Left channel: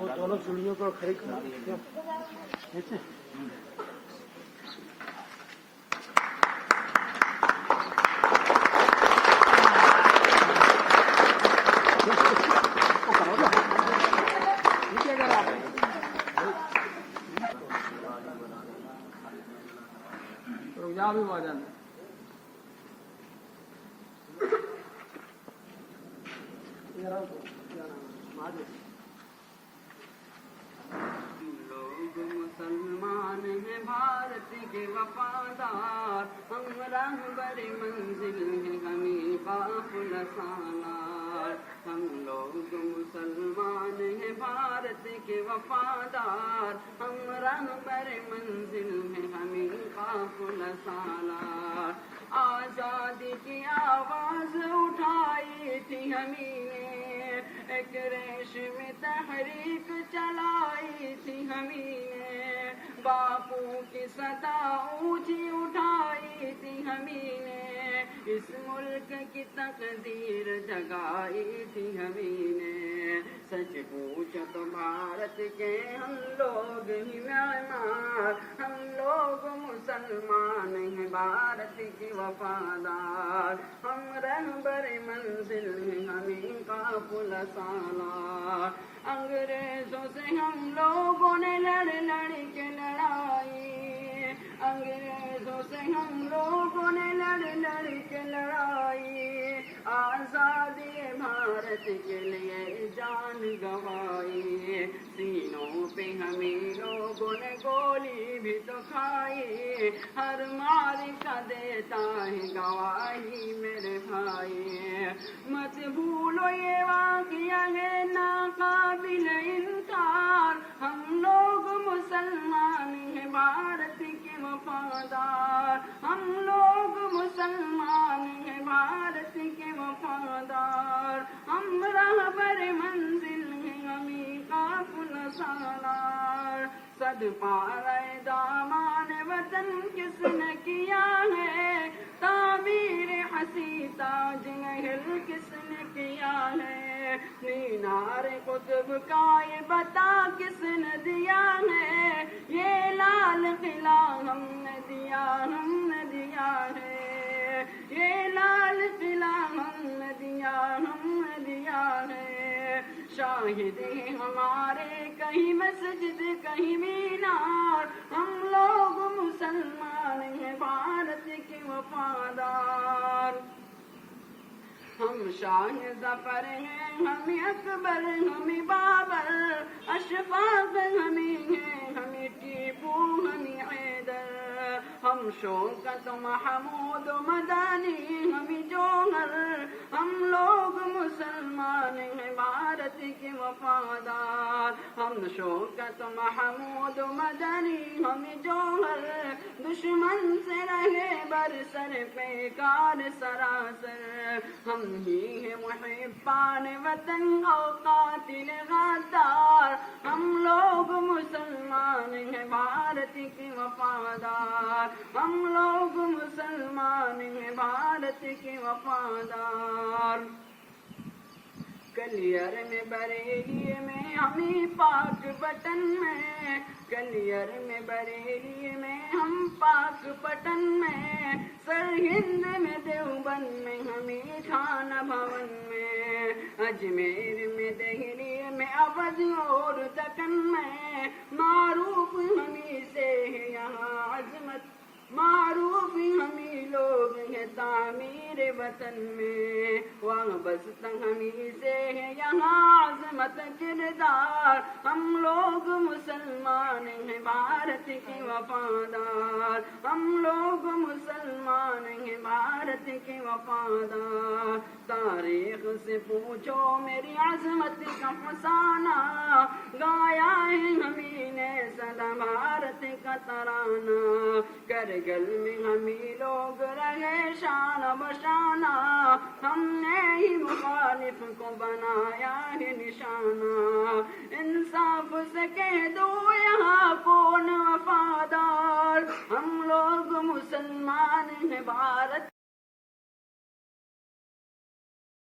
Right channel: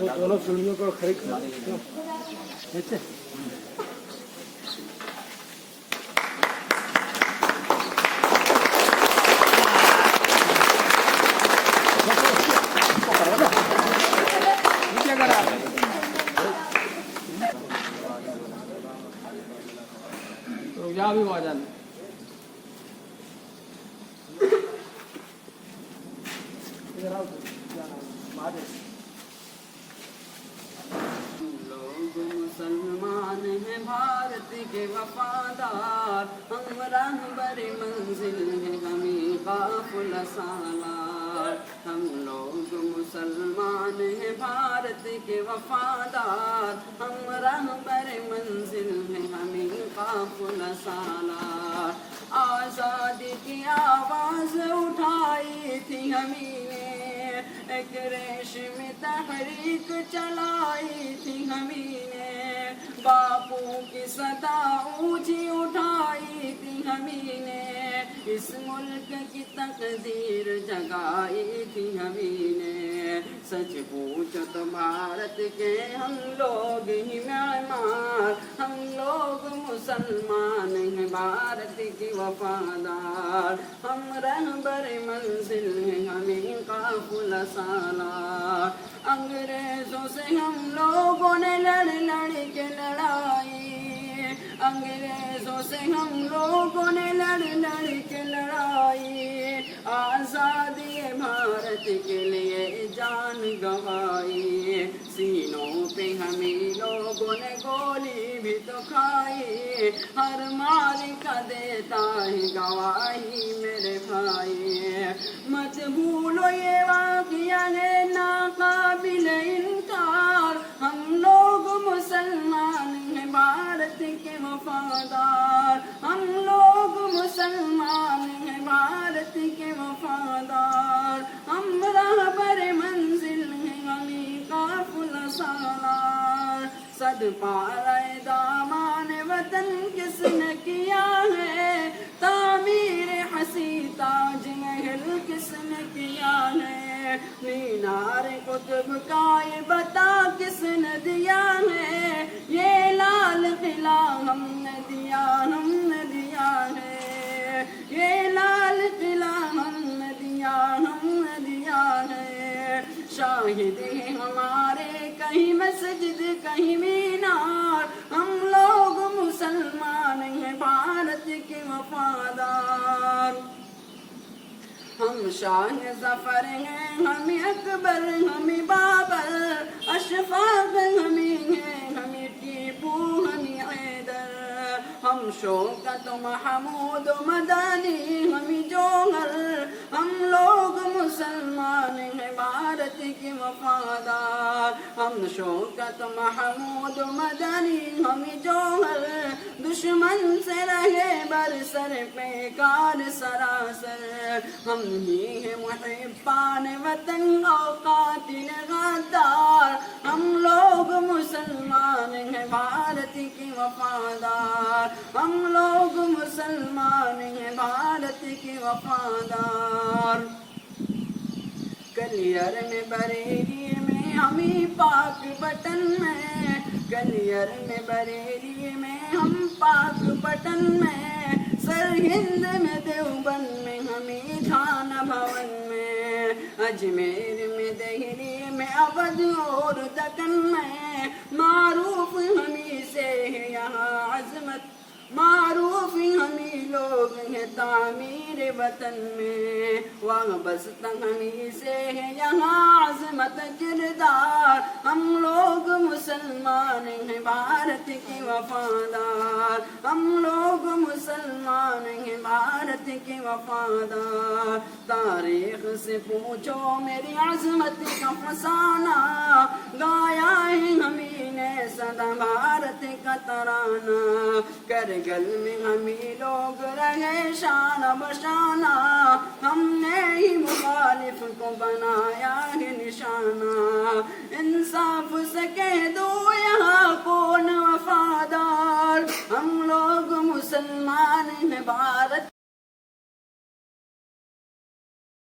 दोनों सीढ़ियों को खड़े देखते रुक जा भी वहाँ जाना मुसलमान हैं भारत के वफादार, हम राहबर मंजिल हैं हमें काफिला सालार। हम लोग मुसलमान हैं भारत के वफादार, हम राहबर मंजिल हैं हमें काफिला सालार। आज़ादी की आवाज़ उठाई थी हमें, एक रेशमी तहरीक चलाई थी हमीने, बापू की सदा ऊंची उठाई थी हमीने, इस मुल्क की तकदीर जगाई थी हमीने। सच पूछो तो भारत के हम लोग ही मेहमान, हम लोग मुसलमान हैं भारत की वफादार, हम रहबर मंजिल हैं हमें काफिला सालार। अंग्रेजों से हम लोगों ने लड़ के लड़ाई, अंग्रेजों से हम लोगों ने लड़ के लड़ाई, आज़ादी भारत के लिए जान गंवाई। सीनों पे हमें लोगों ने गोली भी तो खाई, हर मालिक देता है गवाही मेरे भाई। मत भूलो ये वाक़या है नाकाबिल इनकार, हम लोग मुसलमान हैं भारत के वफादार, हम लोग मुसलमान हैं भारत के वफादार, हम रहबर मंजिल हैं हमें काफिला सालार। सद पाराए दामान वतन किसने किया है, तामीर हसी ताज महल किसने किया है, मीनार कुतुब का ये बता किसने दिया है, ये लाल किला हमने दिया है, ये लाल किला हमने दिया है। शाहिद हैं हमारे कहीं मस्जिद कहीं मीनार, हम लोग मुसलमान हैं भारत के वफादार। हम शान ज़फ़र हैं हमें अकबर हमें बाबर, अशफाक हमें हैं हमें टीपू हमें हैदर, हम शौकत महमूद मदानी हमें जौहर, हम लोग मुसलमान हैं भारत के वफादार, हम शौकत महमूद मदानी हमें जौहर, दुश्मन से रहे बरसर बेकार सरासर, हम ही हैं मुहिब्बान वतन और कातिल गद्दार, हम लोग मुसलमान हैं भारत के वफादार, हम लोग मुसलमान हैं भारत के वफादार। कलियर में बरेली में हमें पाक बटन में, कलियर में बरेली में हम पाक बटन में, सरहिंद में देवबंद में हमें झाना भवन में, अजमेर में दिल्ली में अवध और दक्कन में, मारूफ हमी से है यहाँ अजमत, मारूफ हमी लोग हैं तामीर वतन में, वहाँ बस हमी से है यहाँ अजमत किरदार, हम लोग मुसलमान हैं भारत के वफादार, हम लोग मुसलमान हैं भारत के वफादार। तारीख से पूछो मेरी अजमत का फसाना, गाया है हमी ने सदा भारत का तराना, करगल में हमी लोग रहे शान बशाना, हमने ही मुखालिफ को बनाया है निशाना, इंसाफ से कह दो यहाँ कौन वफादार, हम लोग मुसलमान हैं भारत